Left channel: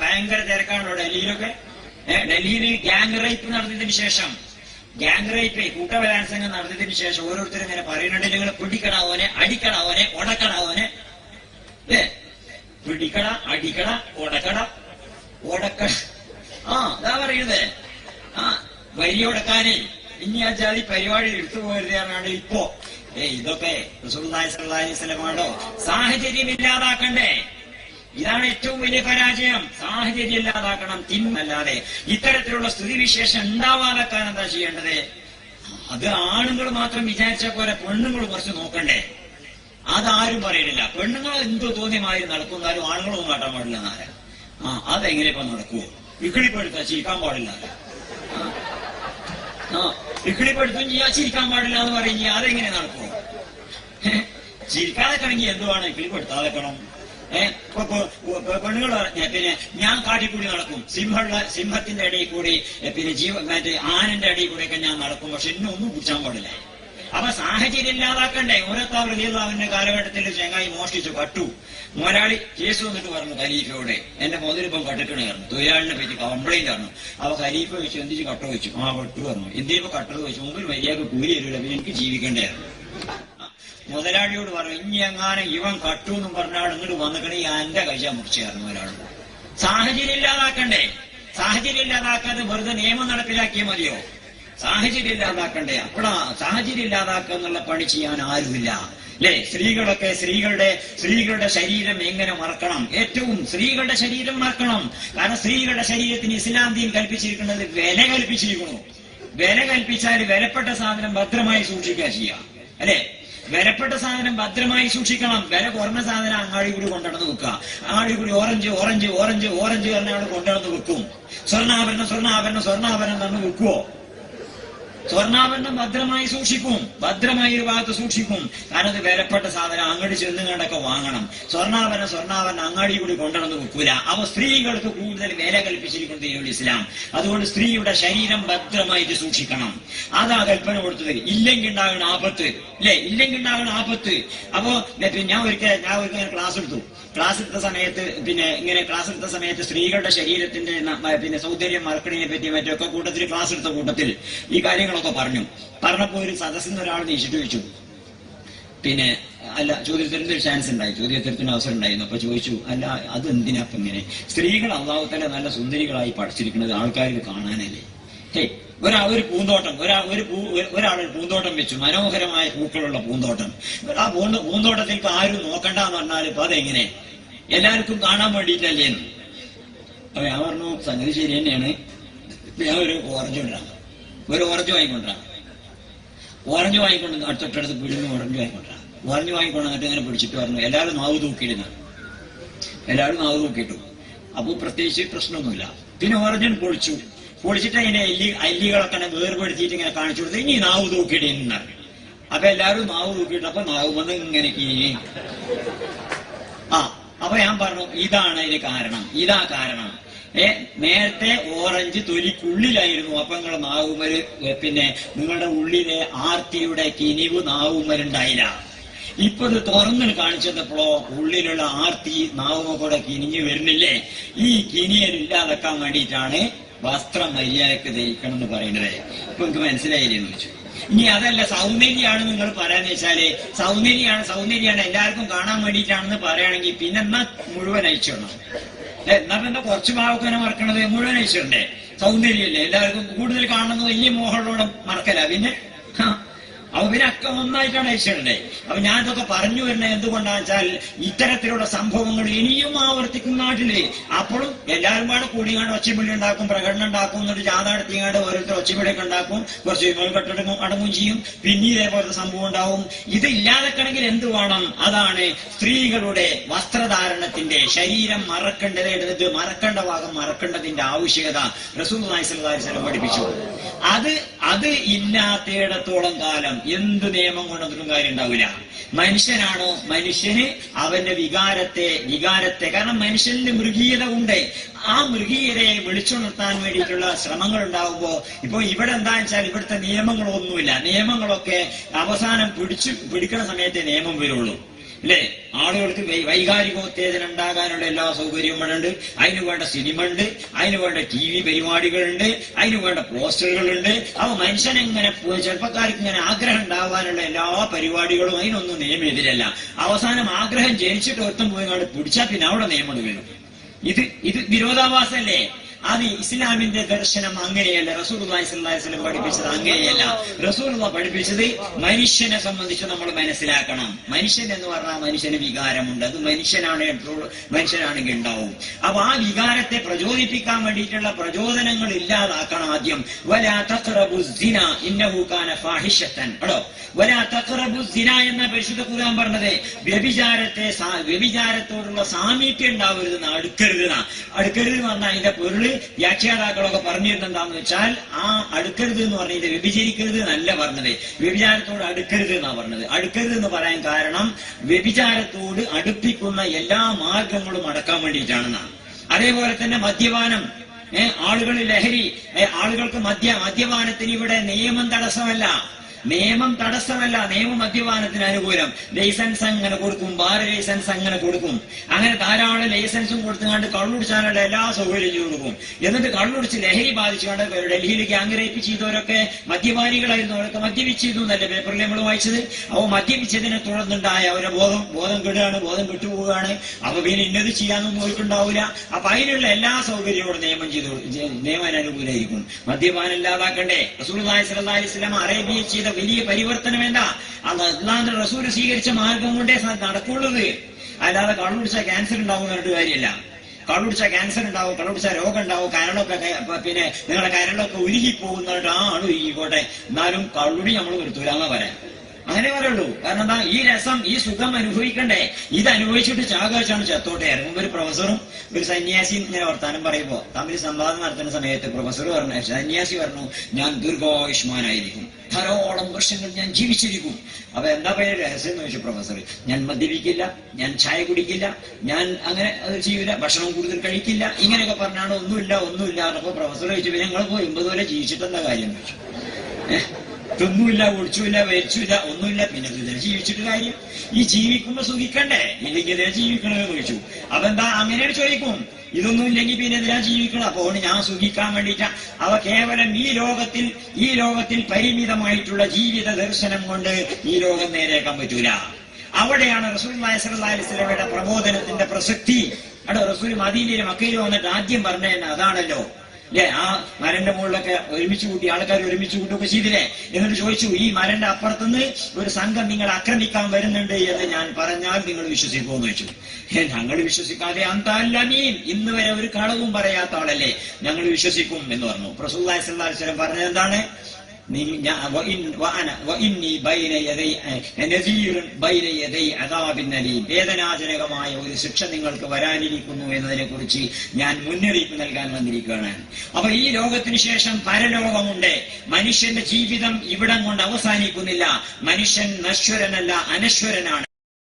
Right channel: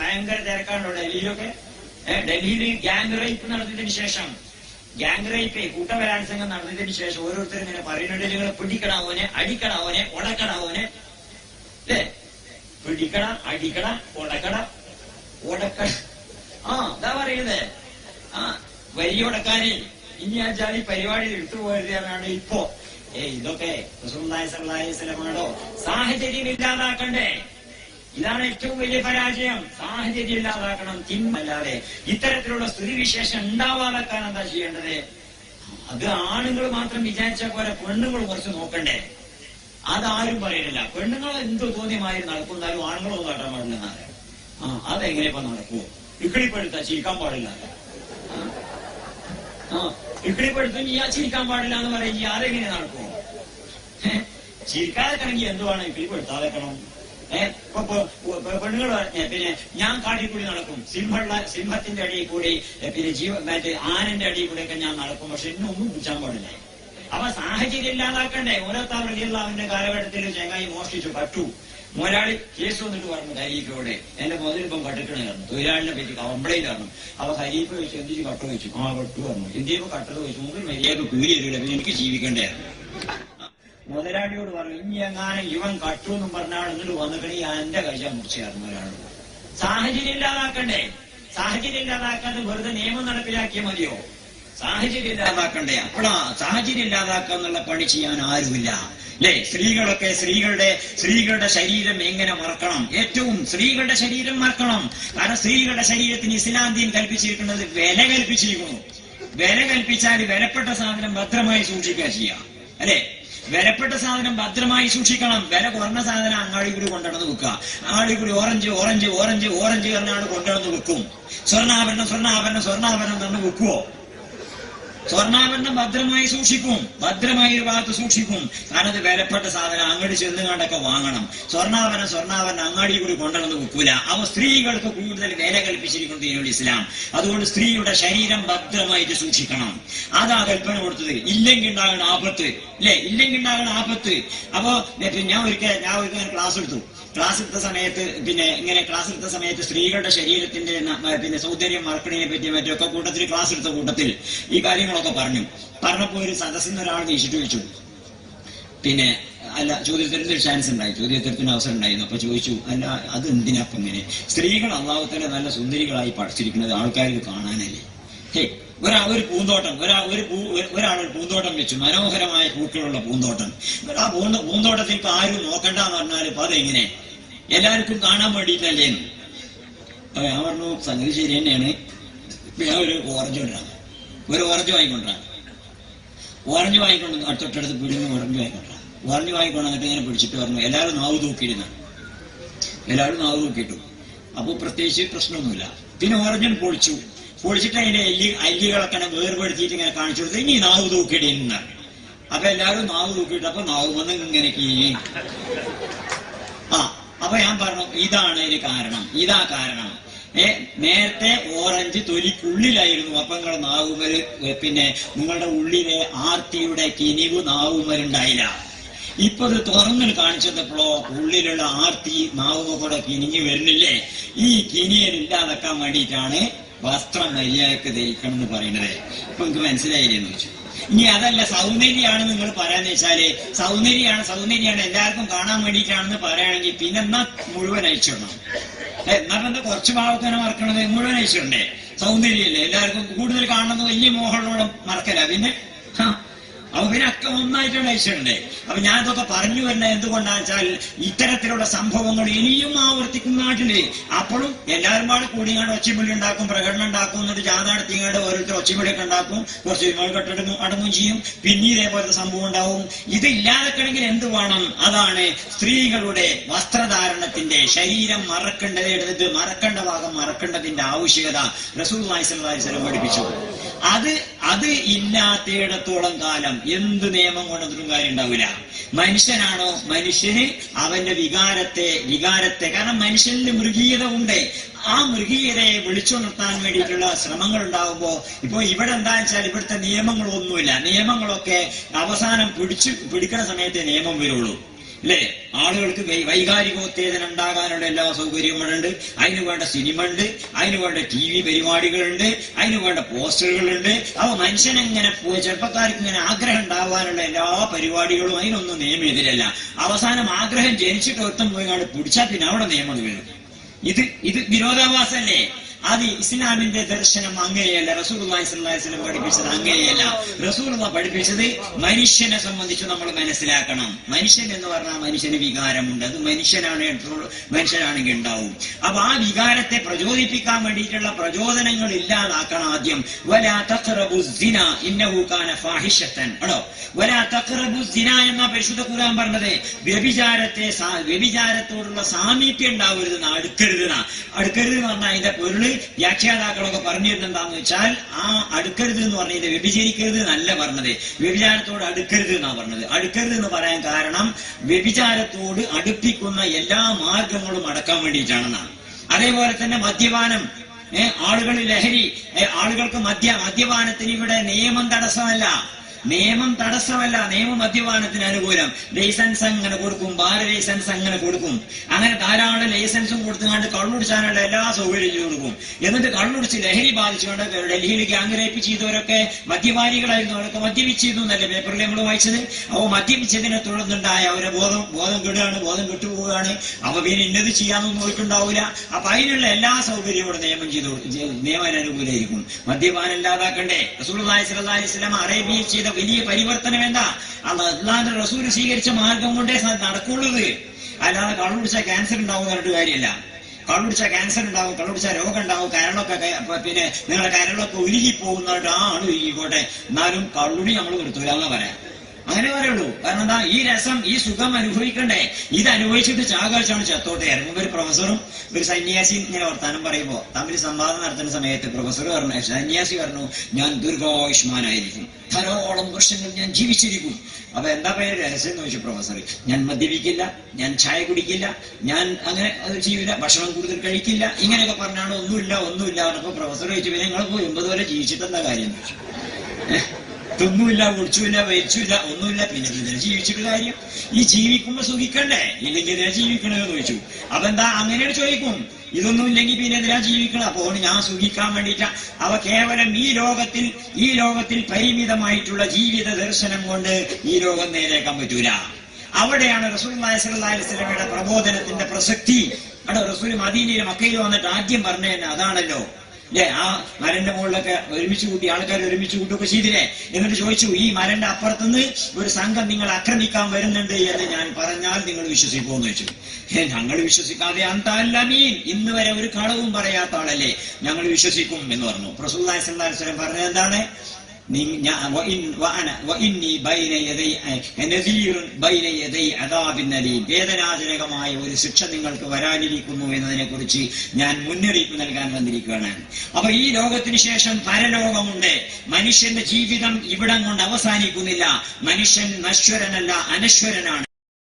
ഭയങ്കര തിരക്കാണോ ഡൽഹിയിലൊക്കെ? ഡൽഹിയിൽ gang rape നടത്തിയതിനു ശേഷം, ഗ്യാങ് റേപ്പ് കൂട്ടബലാത്സംഗം നടത്തിയതിനു ശേഷം ഓരോരുത്തരും ഇങ്ങനെ പറയുന്നുണ്ട്, നിങ്ങൾ പിടിക്കണവനെ, അടിക്കണവനെ, ഉടക്കണവനെ, പിടിക്കണ, അടിക്കണ, ഉടക്കണ, ഇതാ പറയുന്നത്. വരി ഉടക്കാനേ ഇനി ആ ജാതി പരിപാടി എടുത്തുപോയതാണ് ഇപ്പോ. ഇതൊക്കെ റസൂലുള്ളാഹി സ്വല്ലല്ലാഹി അലൈഹി വസല്ലമയുടെ സാഹചര്യം ഇല്ലാതാക്കണ്ടേ? ഇതാണ് ഏറ്റവും വലിയ പരാജയം. സാഹചര്യം ഇല്ലാതാക്കണം, തിന്മല്ലാതെ. ഇത്തരത്തിലുള്ള സ്ഥിതിവിശേഷം ഉണ്ടാവാതാക്കാൻ എന്താ ചെയ്യേണ്ടത്? അത് ആണുങ്ങൾ മാത്രം വിചാരിച്ച പോലെ പെണ്ണുങ്ങൾ കുറച്ച് നോക്കണ്ടേ? അതാരും പറയുന്നില്ല. പെണ്ണുങ്ങൾ എന്തോ തോന്നിയമാതിരി നടക്കുന്നാലും ആണുങ്ങളൊന്നും കാട്ടാൻ പാടില്ല എന്നാല്. അതെങ്ങനെ ഇപ്പൊ നടക്കുവോ? ഇക്കിളിപ്പെടുത്താ ചിരിക്കാൻ പാടില്ല, ഇക്കിളിപ്പെടുത്തും ചിരിക്കാൻ പാടില്ല എന്ന് പറഞ്ഞ അതെങ്ങനെ നടക്കുവോ? ചിരിക്കാതെ കണങ്ങി എന്തുവാണ് ഇക്കിളിപ്പെടുത്താതെക്കണം? പെണ്ണുങ്ങൾ പറഞ്ഞ പിന്നെ ഞാൻ കാട്ടിക്കൂടി നടക്കും, സിംഹത്തിന്റെ ഇടയിൽ കൂടി, പിന്നെ ആനന്റെ ഇടയിൽ കൂടെയൊക്കെ ഞാൻ നടക്കും, പക്ഷെ ഇന്നൊന്നും പൂച്ചാൻ പാടില്ല. അപ്പൊ സാഹചര്യം ഇല്ലാതാക്കണ്ടേ? ഓരോരുത്തരുടെ കാലഘട്ടത്തിൽ ചെങ്ങായി മോഷ്ടിച്ചു കട്ടു. മുതലാളി കേസ് വന്നിട്ട് പറഞ്ഞു ഖലീഫയോടെ, എന്റെ മുതലിപ്പം കട്ടിക്കണായിരുന്നു, തൊഴിലാളിനെ പറ്റി കംപ്ലൈന്റ് ആണ്. അപ്പൊ ഖലീഫ വെച്ചു, എന്തിച്ച് കട്ട വെച്ചു? കട്ടു പറഞ്ഞു. എന്തിപ്പോ കട്ടത് വെച്ചു? മുമ്പിൽ മര്യാദ കൂലി തരില്ല, പിന്നെ എനിക്ക് ജീവിക്കണ്ടായിരുന്നു. മുതലാളിയോട് പറഞ്ഞു, ഇനി എങ്ങാനും ഇവൻ കട്ടു എന്നും പറഞ്ഞാൽ ഇങ്ങോട്ട് വന്നിട്ടുണ്ടെങ്കിൽ എന്റെ കൈ മുറിച്ചായിരുന്നു ഒരാൾ. സാഹചര്യം ഇല്ലാതാക്കണ്ടേ? സാഹചര്യം ഇല്ലാതാക്കാതെ വെറുതെ നിയമം നടപ്പിലാക്കിയാൽ മതിയോ? സാഹചര്യം ഇല്ലാതാക്കണ്ടേ? അപ്പോഴാ സാഹചര്യം ഇല്ലാതാക്കുക എന്നുള്ള പണി ചെയ്യാൻ ആരുമില്ല അല്ലേ? സ്ത്രീകളുടെ ശരീരം എങ്ങനെ മറക്കണം? ഏറ്റവും സ്ത്രീകളുടെ ശരീരം മറക്കണം. കാരണം സ്ത്രീകളുടെ ശരീരത്തിന് ഇസ്ലാം ദീൻ കൽപ്പിച്ചിരിക്കുന്നത് വില കൽപ്പിച്ചിരിക്കുന്നു. വില കൽപ്പിച്ചാൽ വിലപ്പെട്ട സാധനം ഭദ്രമായി സൂക്ഷിക്കുക ചെയ്യാം അല്ലെ? വിലപ്പെട്ട സാധനം ഭദ്രമായി സൂക്ഷിക്കണം. വില കുറഞ്ഞ സാധനം അങ്ങാടി കൂടി കൊണ്ടുവന്ന് വെക്കുക. അങ്ങാടി കൂടി ഓറഞ്ച് പറഞ്ഞാൽ കൊണ്ടുവന്ന് വെക്കും. സ്വർണ്ണാഭരണം തന്നെ വെക്കുവോ? സ്വർണ്ണാഭരണം ഭദ്രമായി സൂക്ഷിക്കും, ഭദ്രമായി ഒരു ഭാഗത്ത് സൂക്ഷിക്കും. കാരണം അത് വിലപ്പെട്ട സാധനം അങ്ങോട്ട് ചെന്ന് കണ്ടൊക്കെ വാങ്ങണം. സ്വർണ്ണാഭരണം അങ്ങാടി കൂടി കൊണ്ടുവന്ന് വെക്കൂല. അപ്പൊ സ്ത്രീകൾക്ക് കൂടുതൽ വില കൽപ്പിച്ചിരിക്കുന്നു ദീനുൽ ഇസ്ലാം. അതുകൊണ്ട് സ്ത്രീയുടെ ശരീരം ഭദ്രമായിട്ട് സൂക്ഷിക്കണം. അതാ കൽപ്പന കൊടുത്തത്. ഇല്ലെങ്കിൽ ഉണ്ടാകണ ആപത്ത് അല്ലെ? ഇല്ലെങ്കിൽ ഉണ്ടാകണ ആപത്ത്. അപ്പൊ ഞാൻ ഒരിക്കൽ ക്ലാസ് എടുത്ത സമയത്ത് സ്ത്രീകളുടെ ശരീരത്തിന്റെ സൗന്ദര്യം മറക്കണതിനെ പറ്റി മറ്റൊക്കെ കൂട്ടത്തിൽ ക്ലാസ് എടുത്ത കൂട്ടത്തിൽ ഈ കാര്യങ്ങളൊക്കെ പറഞ്ഞപ്പോ ഒരു സദസ്സിൽ നിന്ന് ഒരാൾ നീച്ചിട്ട് ചോദിച്ചു, പിന്നെ അല്ല ചോദ്യോത്തരത്തിന് ഒരു ചാൻസ് ഉണ്ടായി, ചോദ്യോത്തരത്തിന് അവസരം ഉണ്ടായിരുന്നു. അപ്പൊ ചോദിച്ചു, അല്ല അത് എന്തിനാപ്പം ഇങ്ങനെ? സ്ത്രീകൾ അള്ളാഹു തആല നല്ല സുന്ദരികളായി പഠിച്ചിരിക്കുന്നത് ആൾക്കാർക്ക് കാണാനല്ലേ? ഒരു പൂന്തോട്ടം, ഒരാൾ പൂന്തോട്ടം വെച്ചു, മനോഹരമായ പൂക്കളുള്ള പൂന്തോട്ടം. ആ പൂന്തോട്ടത്തിൽ ഇപ്പൊ ആരും നോക്കണ്ടെന്ന് പറഞ്ഞാൽ ഇപ്പൊ അതെങ്ങനെ? എല്ലാവർക്കും കാണാൻ വേണ്ടിയിട്ടല്ലേന്ന്. അപ്പൊ ഞാൻ പറഞ്ഞു, സംഗതി ശരി തന്നെയാണ്. ഞാൻ ഒരു ഓറഞ്ച് വാങ്ങിക്കൊണ്ടാണ്. ഓറഞ്ച് വാങ്ങിക്കൊണ്ട് തൊട്ടടുത്ത് പിടിഞ്ഞ് ഓറഞ്ച് വാങ്ങിക്കൊണ്ട് എന്നിട്ട് ഇങ്ങനെ പിടിച്ചിട്ട് പറഞ്ഞു, എല്ലാവരും നാവ് തൂക്കിയിട്ടു. അപ്പൊ പ്രത്യേകിച്ച് പ്രശ്നമൊന്നുമില്ല. പിന്നെ ഓറഞ്ചൻ പൊളിച്ചിട്ട് അതിന്റെ അല്ലികളൊക്കെ വേർപെടുത്തിയിട്ട് ഇങ്ങനെ കാണിച്ചു കൊടുത്ത്, ഇനി നാവ് തൂക്കിയിട എന്നാണ്. അപ്പൊ എല്ലാവരും നാവ് തൂക്കിയിട്ട്, അപ്പൊ നാവ് വന്ന് ഇങ്ങനെ കീഴി. അപ്പൊ ഞാൻ പറഞ്ഞു, ഇതാണ് ഇതിന് കാരണം, ഇതാ കാരണം. നേരത്തെ ഓറഞ്ച് തൊലിക്കുള്ളിലായിരുന്നു. അപ്പൊ നിങ്ങളുടെ നാവുമൽ, പിന്നെ നിങ്ങളുടെ ഉള്ളിലെ ആർത്തിയുടെ കിനിവ് നാവുമലുണ്ടായില്ല. ഇപ്പൊ ഇത് തുറന്നിട്ട് കാണിച്ചപ്പോഴോ ഉള്ളിലുള്ള ആർത്തി നാവുമ കൂടെ കിനിഞ്ഞു വരുന്നില്ലേ? ഈ കിനിയലില്ലാതാക്കാൻ വേണ്ടിയിട്ടാണ് വസ്ത്രം മര്യാദക്ക് ധരിക്കണം എന്ന് പറയുന്നത്. ഇപ്പൊ എനിക്ക് മനസ്സിലായില്ലെന്ന് വെച്ചു. ഇനി അതല്ല സൗന്ദര്യമാണ് നിങ്ങൾ പറയാന്ന് വെച്ചാല്, സൗന്ദര്യമാണ് എല്ലാവർക്കും കാണാൻ വേണ്ടിയിട്ടാണെന്ന് പറയുകയാണെങ്കിൽ പിന്നെ എന്നാ മുഴുവൻ അയച്ചിടണം. എന്നാ എന്താ കുറച്ച് ഭാഗത്തിനെ മറക്കണത്? മുഴുവൻ അയച്ചിടണ്ടേ? സൗന്ദര്യമല്ലേ? എല്ലാവർക്കും കൂടുതൽ കാണുന്നത് വലിയ മോഹങ്ങളോടെ മറക്കല. പിന്നെ അപ്പൊ പിന്നെ ഒക്കെ ഒന്നായിട്ടാണ് അയച്ചിടണ്ടേ? അപ്പൊ ഞാനിതൊക്കെ പറഞ്ഞു വരുന്നത് എന്തുകൊണ്ടാന്ന് വെച്ചാൽ, ഇത്തരത്തിലുള്ള സംഭവങ്ങൾ ഇനിയും ആവർത്തിക്കും നാട്ടില്. അപ്പോഴും എല്ലാവരും പാടെ കൂടിയാണ്ട് ഒച്ചപ്പിള്ളി ഉണ്ടാക്കും, പ്രകടനം ഉണ്ടാക്കും, എന്നിട്ട് ജാഥ നടത്തിയാണ്ട് ഓരോരുത്തർ ഒച്ചപ്പിള്ളിയൊക്കെ ഉണ്ടാക്കും, കുറച്ച് കെട്ടിടം അടങ്ങും ചെയ്യും. പിന്നെ ഇതേപോലത്തെ സംഭവം ഉണ്ടാവും. ഇത് ഇല്ലാതെക്കണമെങ്കിൽ എന്ത് വേണം? അതാണ് സ്ത്രീകളുടെ വസ്ത്രധാരണത്തിന്റെ, ശരീരം മറക്കേണ്ട ഭാഗം മറക്കേണ്ടതിന്റെ ആവശ്യകത റസൂലുള്ളാഹി സ്വല്ലല്ലാഹി അലൈഹി വസല്ലം പഠിപ്പിച്ചു. അത് ഇല്ലാത്തിടത്തോളം കാലം എന്ത് നിയമം കൊണ്ടൊന്നും കാര്യം ഉണ്ടാവില്ല. മനുഷ്യനാണോ, മനുഷ്യന് അവന്റെ വികാരത്തെ കാരണം മനുഷ്യനിൽ മൃഗീയത ഉണ്ട്. ആ മൃഗീയതയെ വിളിച്ചുണർത്താൻ വേണ്ടിയിട്ടുള്ള ശ്രമങ്ങൾ ഉണ്ടാവുമ്പോ, ഇപ്പൊ ഇവിടെ എന്താണെന്ന് വെച്ചാൽ ഇവിടുത്തെ നിയമങ്ങളൊന്നുമില്ല. നിയമങ്ങളൊക്കെ അവസാനം പിടിക്കുന്ന സമയത്തെ നിയമം വരുള്ളൂ. അല്ലേ? ആളുകൾക്ക് വൈകാരികോത്തേജനം ഉണ്ടാകാനുള്ള എല്ലാ സൗകര്യവും ഇവിടെ ഉണ്ട്. അതിന് വേണ്ട സിനിമ ഉണ്ട്, അതിന് വേണ്ട TV പരിപാടികളുണ്ട്, അതിന് വേണ്ട പോസ്റ്ററുകളുണ്ട്. അപ്പൊ മനുഷ്യനെങ്ങനെ ചെറുപ്പക്കാർക്ക് ഇങ്ങനെ ആഗ്രഹം ഉണ്ടാവാനുള്ള എല്ലാ പരിപാടികളും അതിനൊന്നും നിയമം എതിരല്ല. അവസാനം ആഗ്രഹം ജനിച്ചിട്ട് ഒറ്റം പോയി കണ്ട് പിടിച്ചാൽ പിന്നെ അവിടെ നിയമം വരും. ഇത് വിരോധാഭാസല്ലേ? അത് ഇസ്ലാമിന്റെ ദർശനം അങ്ങനെയല്ല. റസൂലുള്ളാഹി സ്വല്ലല്ലാഹി അലൈഹി വസല്ലം പഠിപ്പിച്ചത് അങ്ങനെയല്ല. റസൂലുള്ളാഹി പഠിപ്പിച്ചത് മനുഷ്യനെ സംബന്ധിച്ച് നമ്മൾ മനസ്സിലാക്കണം. മനുഷ്യൻ എന്ന് പറഞ്ഞാൽ മനുഷ്യന് വികാരമുണ്ട്. അത് മനുഷ്യനാണെങ്കിൽ ഉണ്ടാവും. അപ്പൊ ആ വികാരത്തെ പ്രചോദിപ്പിക്കാൻ വേണ്ടിയിട്ടുള്ള പ്രചോദനങ്ങൾ ഇല്ലാതാക്കണം ആദ്യം. വലാ തഖറബു സിന ഇന്നഹു കാന ഫാഹിഷത്തൻ. അടോ വലാ തഖറബു സിന എന്ന പരിശുദ്ധ ഖുർആൻ പറഞ്ഞത് വ്യഭിചാരത്തോടുള്ള സാമീപ്യം ഉണ്ടാവരുതെന്ന്, അടുക്കരുത് എന്ന് പറഞ്ഞാൽ അതിന്റെ പൊരുള് വ്യാഖ്യാതാക്കളൊക്കെ പറഞ്ഞിരുന്നെന്താന്ന് വെച്ചാൽ, ആ അടുക്കരുത് എന്ന് പറഞ്ഞത് വ്യഭിചരിക്കരുത് എന്നല്ല പറഞ്ഞത്, വ്യഭിചാരത്തോട് അടുക്കരുത് എന്നാ പറഞ്ഞത്. അടുക്കരുത് എന്ന് പറയാൻ കാരണം വ്യഭിചാരത്തോട് അടുപ്പിക്കുന്ന എല്ലാ മാർഗങ്ങളും അടക്കാൻ വേണ്ടിയിട്ടാണെന്നാണ്. അതേപോലെ തന്നെ മദ്യപാനം, ആളുകളിൽ ലഹരി, ആളുകൾക്ക് മദ്യപാനത്തിന് ഇവിടെ നിയമം തടസ്സമല്ല. നിയമം മദ്യപാനത്തിന് അനുകൂലം. ലൈസൻസ് അങ്ങനെ കൊടുക്കും, ബാർ ലൈസൻസ് അങ്ങനെ കൊടുക്കും. അങ്ങനെ ധാരാളം ലൈസൻസും കൊടുത്തുകൊണ്ട് കള്ളുടിച്ചാനുള്ള എല്ലാ സൗകര്യം ചെയ്തു കൊടുക്കും. എന്നിട്ട് കള്ളുടിച്ച് ലഹരി ബാധിച്ചുകൊണ്ട് ഡൽഹിയിൽ ഗ്യാങ് റേപ്പ് ചെയ്തവരൊക്കെ മദ്യപാനികളായിരുന്നു. അവരൊക്കെ മദ്യപിച്ചിരുന്നു എന്നല്ലേ പേപ്പറിൽ നമ്മൾ വായിച്ചത്. അപ്പോൾ മദ്യപിച്ചതിനെ തുടർന്നുണ്ടായ അവരുടെ ബോധം കെടുകയാണ്, ബോധം കെട്ടുപോവുകയാണ്. അപ്പൊ പിന്നെ ഇന്നത് ചെയ്യാനൊന്നും ഓർക്കുണ്ടാവില്ല. അപ്പൊ അതിനുള്ള എല്ലാ സൗകര്യവും നിയമം അനുകൂലമായിരിക്കും. മദ്യപാനം ഇല്ലാതാക്കണ്ടേ? റസൂലുള്ളാഹി സ്വല്ലല്ലാഹി അലൈഹി വസല്ലം അറേബ്യയിൽ ചെയ്ത വലിയ പരിവർത്തനം എന്താ? അല്ലാതെ റസൂൽ സ്വീകരിച്ച മാർഗം കൊണ്ടേ നടക്കുള്ളത്. അല്ലാതെ കള്ളുടിച്ചാൽ ക്യാൻസർ ഉണ്ടാവും പറഞ്ഞിട്ട് കാര്യമല്ല. കള്ളുടിച്ചാൽ ക്യാൻസർ ഉണ്ടാവും, കള്ളുടിച്ചാൽ രോഗം ഉണ്ടാവും, കരളൊക്കെ പിന്നെ നിങ്ങളുടെ കരളൊക്കെ ഉരുകിപ്പോകുന്നതായിട്ട് ആ ആള് ഉരുകിക്കോട്ടെ, എന്നാലും കള്ളുടി നമ്മൾ നിർത്തൂലെന്നാ പറയാം. അങ്ങനെ പറയുള്ളൂ. കാരണം എന്താ? ഈ രസം, ഈ സുഖം അനുഭവിക്കണ്ടേ? ഇത് അനുഭവിച്ചിട്ട് ചാകാച്ചാണ് ചത്തോട്ടെ. ഇറങ്ങുമ്പോൾ ഒരു പ്രൊഫസറും ഒരു സന്യാസിയും ഇങ്ങനെ വർത്താനം പറയുമ്പോ തമ്മിൽ സംവാദം നടത്തുന്ന സമയത്ത് പ്രൊഫസർ പറഞ്ഞു, സന്യാസി പറഞ്ഞു, ഞാൻ ദീർഘായുഷ്മാനായിരിക്കും, ധാരാളം വർഷങ്ങൾ ഞാൻ ജീവിച്ചിരിക്കും. അപ്പൊ എന്താ പേര് രഹസ്യം എന്ന് ചോദിച്ചു പ്രൊഫസർ. ഞാൻ മദ്യപിക്കില്ല, ഞാൻ ചായ കുടിക്കില്ല, ഞാൻ അങ്ങനെ അത് ചെയ്യില്ല, ഭക്ഷണം കൂടുതൽ കഴിക്കില്ല, ഇങ്ങനെയൊക്കെ പറഞ്ഞാണ്. ഒന്നുമില്ല. അപ്പൊ പ്രൊഫസർ ചോദിച്ചു, പിന്നെ നിങ്ങൾ 80 വരെ ജീവിച്ചിട്ടെന്താ കാര്യം? തിന്നുമില്ല, കുടിച്ചുമില്ല, വരിച്ചുമില്ല, ഒന്നുമില്ല, പിന്നെ ഇതിനെ ജീവിച്ചിട്ട് കാര്യം? ഈ ജീവിക്കുമ്പോ സുഖിക്കണ്ടേ? ഇല്ലെങ്കിൽ ഇതിനെ ജീവിക്കണമെന്ന് ചോദിച്ചു. അതെന്താ അങ്ങനെ ചോദിക്കും? ഇതൊന്നും ഇല്ലെങ്കിൽ പിന്നെ എന്തിനാ ജീവിക്കണം? അപ്പോൾ ഞാൻ സുഖിക്കാൻ വേണ്ടിയിട്ടാ. അവ കേവലം ഈ ലോകത്തിൽ പരിമിതമായിട്ടുള്ള ജീവിത ദർശനം കൊണ്ട് ഈ ലോകം നേരേക്കാൻ പറ്റൂല. അവിടെയാണ് റസൂലുള്ളാഹി സ്വല്ലല്ലാഹി അലൈഹി വസല്ലമയുടെ പ്രബോധനത്തിന്റെ പ്രസക്തി. അവിടെ റസൂൽ മദീനയിലും മക്കയിലും വന്നിട്ട് ആദ്യം പറഞ്ഞത് അതാണല്ലോ. ആ മരന്റെ മുകളിലൊക്കെ ആൾക്കാർ ഒരുമിച്ച് കൂട്ടുകയൊക്കെ ചെയ്തില്ലേ? എന്നിട്ട് ചോദിച്ചു, ഈ മരന്റെ അപ്പുറത്തുനിന്ന് ഒരു സംഘം നിങ്ങൾ ആക്രമിക്കാൻ വരുന്നുണ്ട് എന്ന് ഞാൻ പറഞ്ഞാൽ നിങ്ങൾ വിശ്വസിക്കുമെന്ന് ചോദിച്ചു. ഞങ്ങൾ വിശ്വസിക്കാതെ അന്തല്ലമീൻ, ഇന്ന് വരെ ഒരു കളവും പറയാത്ത ആളല്ലേ, ഞങ്ങൾ വിശ്വസിക്കും എന്ന് പറഞ്ഞു. റസൂലുള്ളാഹി സ്വല്ലല്ലാഹി അലൈഹി വസല്ലം പറഞ്ഞത് എന്താണ്? വേദനാജനകമായ ഒരു ശിക്ഷ നിങ്ങൾക്ക് വരാനിരിക്കുന്നു എന്നതിനെ കുറിച്ച് ഞാൻ മുന്നറിയിപ്പ് നൽകാൻ വന്നിരിക്കുകയാണ്. അപ്പൊ ഈ ലോകത്തിന് ശേഷം പരലോകമുണ്ട്. മനുഷ്യന്റെ ജീവിതം ഇവിടം കൊണ്ട് അവസാനിക്കുന്നില്ല. മനുഷ്യൻ നശ്വരനല്ല, അനശ്വരനാണ്.